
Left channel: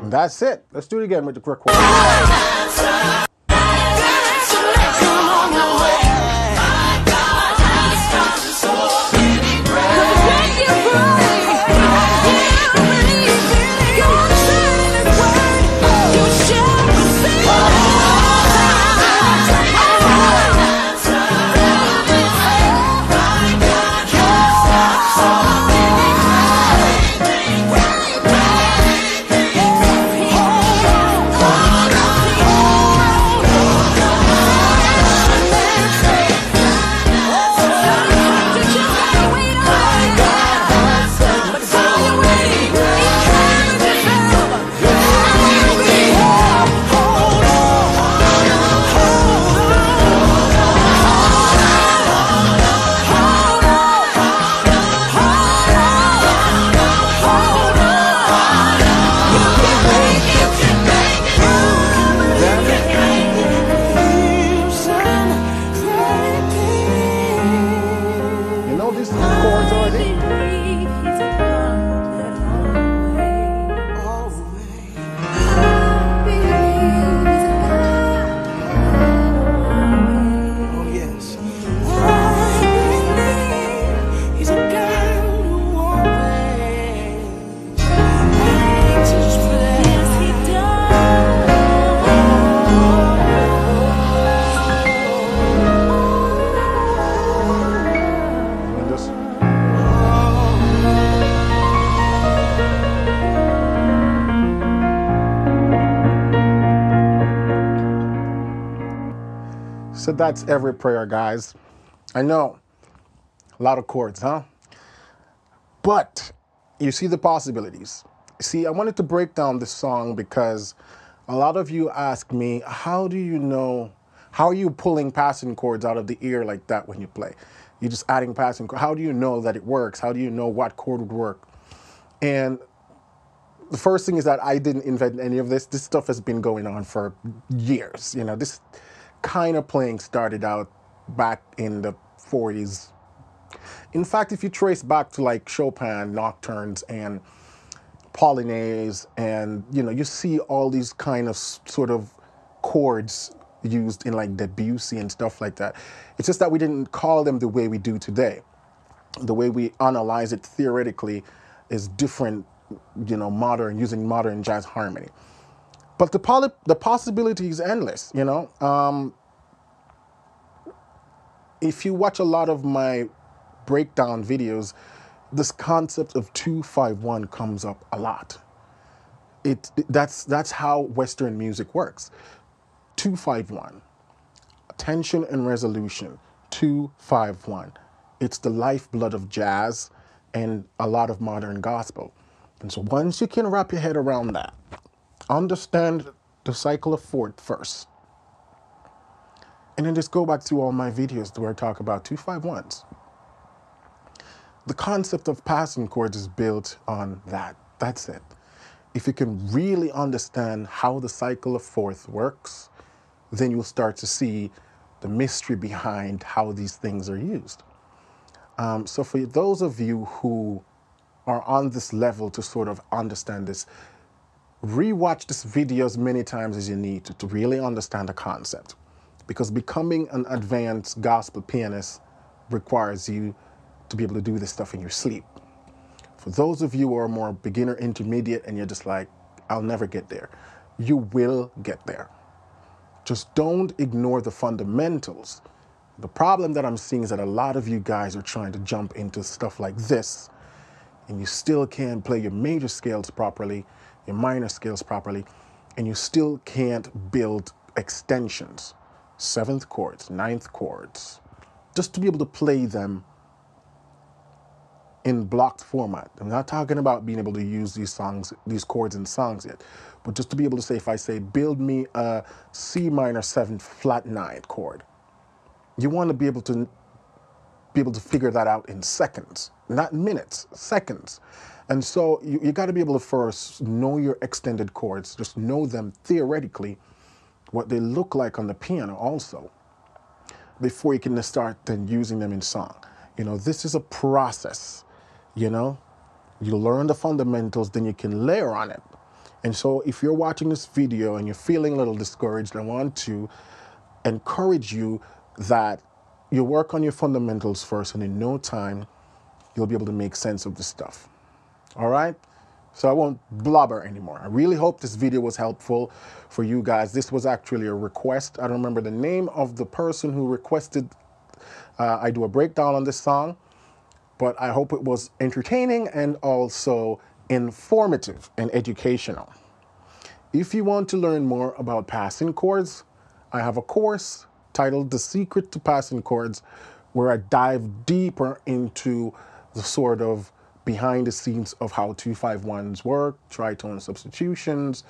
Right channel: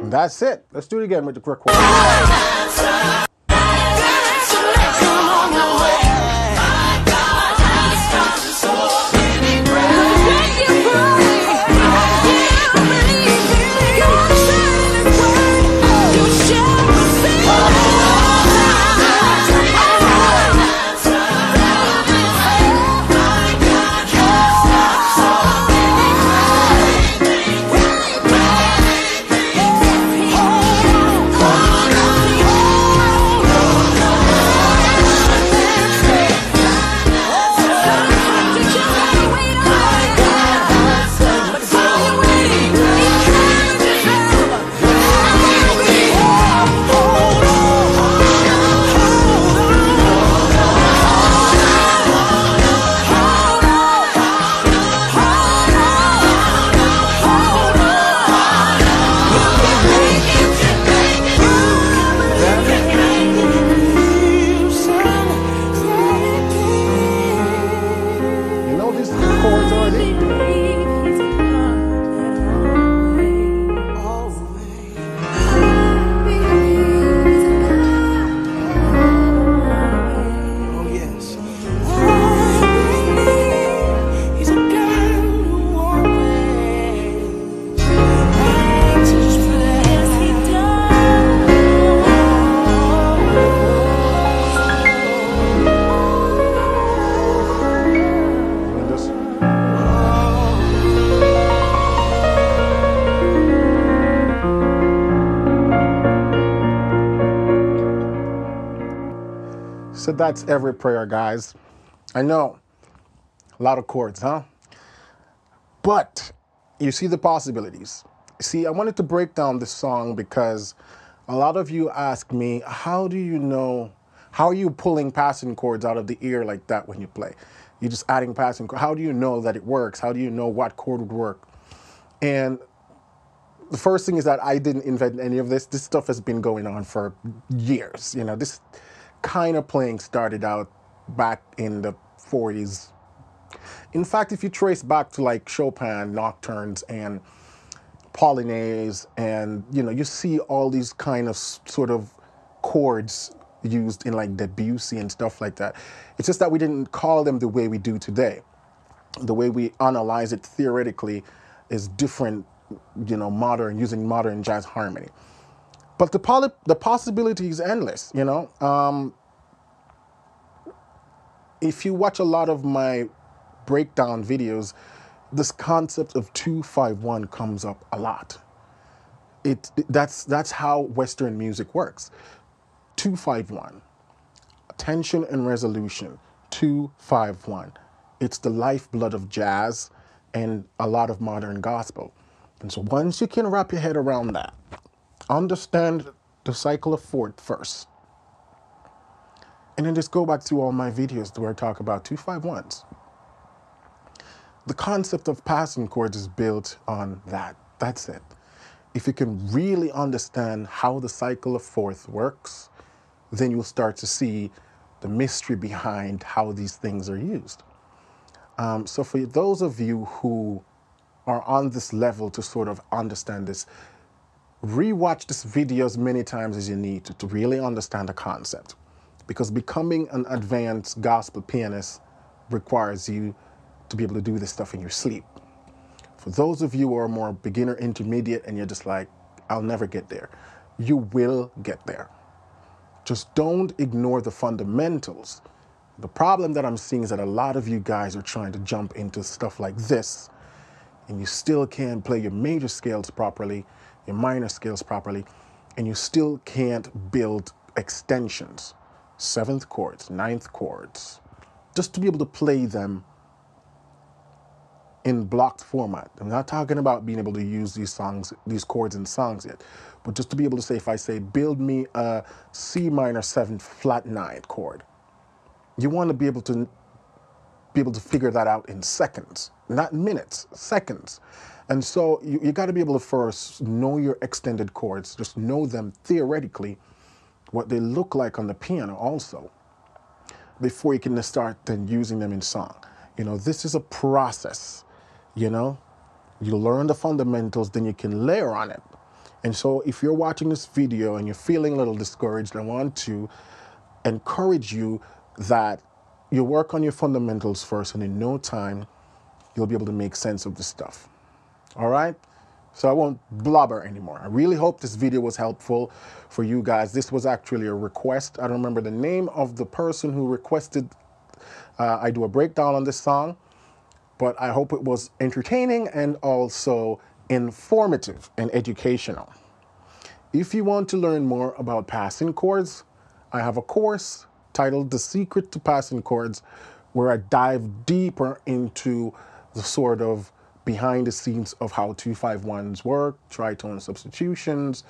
That's it. Let's do it again with the quick one. So that's every prayer, guys. I know A lot of chords, huh? But you see the possibilities. See, I wanted to break down this song because a lot of you ask me, how do you know, how are you pulling passing chords out of the ear like that when you play? You're just adding passing chords. How do you know that it works? How do you know what chord would work? And the first thing is that I didn't invent any of this. This stuff has been going on for years. You know, this kind of playing started out back in the 40s. In fact, if you trace back to like Chopin nocturnes and Polonaise, and you see all these kind of sort of chords used in like Debussy and stuff like that. It's just that we didn't call them the way we do today. The way we analyze it theoretically is different, modern, using modern jazz harmony. But the possibility is endless, If you watch a lot of my breakdown videos, this concept of 2-5-1 comes up a lot. That's how Western music works. 2-5-1, tension and resolution. 2-5-1. It's the lifeblood of jazz and a lot of modern gospel. And so once you can wrap your head around that, understand the cycle of fourth first, and then just go back to all my videos where I talk about 2-5-1s. The concept of passing chords is built on that. That's it. If you can really understand how the cycle of fourth works, then you'll start to see the mystery behind how these things are used. So for those of you who are on this level to sort of understand this, rewatch this video as many times as you need to really understand the concept. Because becoming an advanced gospel pianist requires you to be able to do this stuff in your sleep. For those of you who are more beginner, intermediate, and you're just like, I'll never get there, you will get there. Just don't ignore the fundamentals. The problem that I'm seeing is that a lot of you guys are trying to jump into stuff like this, and you still can't play your major scales properly, your minor scales properly, and you still can't build extensions, 7th chords, 9th chords, just to be able to play them in blocked format. I'm not talking about being able to use these chords in songs yet, but just to be able to say, if I say, build me a C minor 7 flat 9 chord, you want to be able to figure that out in seconds, not minutes, seconds. And so you got to be able to first know your extended chords, just know them theoretically, what they look like on the piano also, before you can start then using them in song. This is a process. You learn the fundamentals, then you can layer on it. And so if you're watching this video and you're feeling a little discouraged, I want to encourage you that you work on your fundamentals first, and in no time, you'll be able to make sense of this stuff. All right? So I won't blubber anymore. I really hope this video was helpful for you guys. This was actually a request. I don't remember the name of the person who requested I do a breakdown on this song, but I hope it was entertaining and also informative and educational. If you want to learn more about passing chords, I have a course titled The Secret to Passing Chords, where I dive deeper into the sort of behind the scenes of how 2-5-1s work, tritone substitutions,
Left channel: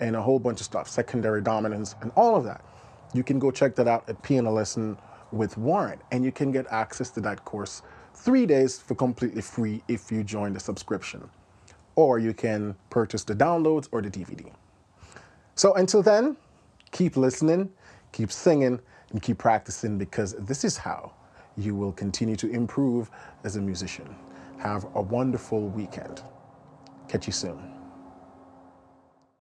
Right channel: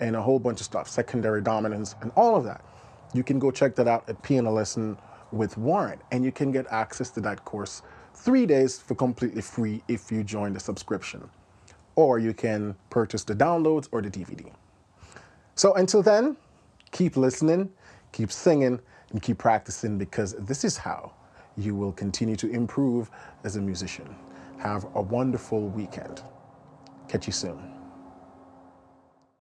and a whole bunch of stuff, secondary dominance, and all of that. You can go check that out at Piano Lesson with Warren, and you can get access to that course 3 days for completely free if you join the subscription, or you can purchase the downloads or the DVD. So until then, keep listening, keep singing, and keep practicing, because this is how you will continue to improve as a musician. Have a wonderful weekend. Catch you soon.